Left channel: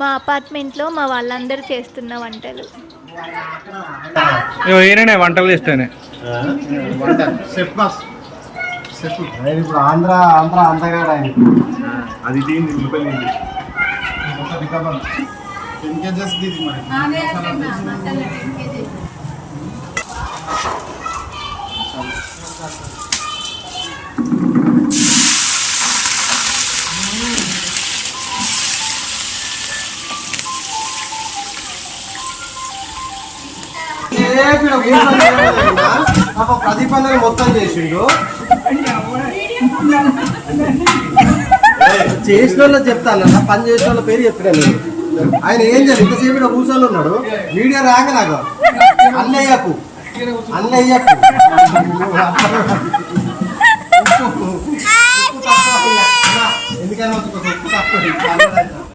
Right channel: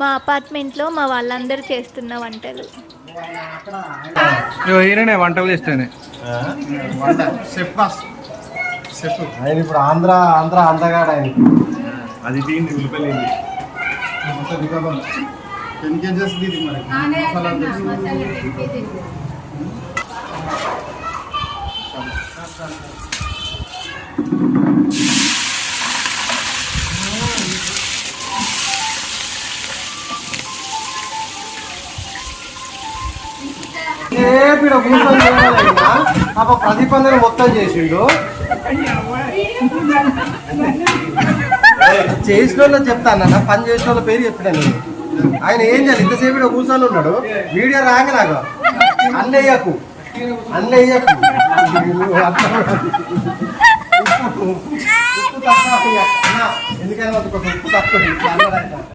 మా అపార్ట్మెంట్లో మా వాళ్ళందరూ చేస్తున్న వంటలు. ఈయననే వంటలు చేస్తేనే ఇప్పుడు ఆంధ్ర అందగాడు ఆయన. అది దీన్ని ఉల్లిపోయింది 10 kgs దీది మరి ప్రదీపందరూ మొత్తం చేసిండు. చేసిన వాళ్ళు చెప్తాను, పని చేసిన వాళ్ళ పేరు చెప్పాను. ఆయన ఏం చేయాలి, ఇంతసేపు ఇక్కడ కూర్చొని ఉన్నాడు. వీడియో రాంగ నాకు అన్నయ్యకు ఎందుకైనా ఉప్పు తక్కువ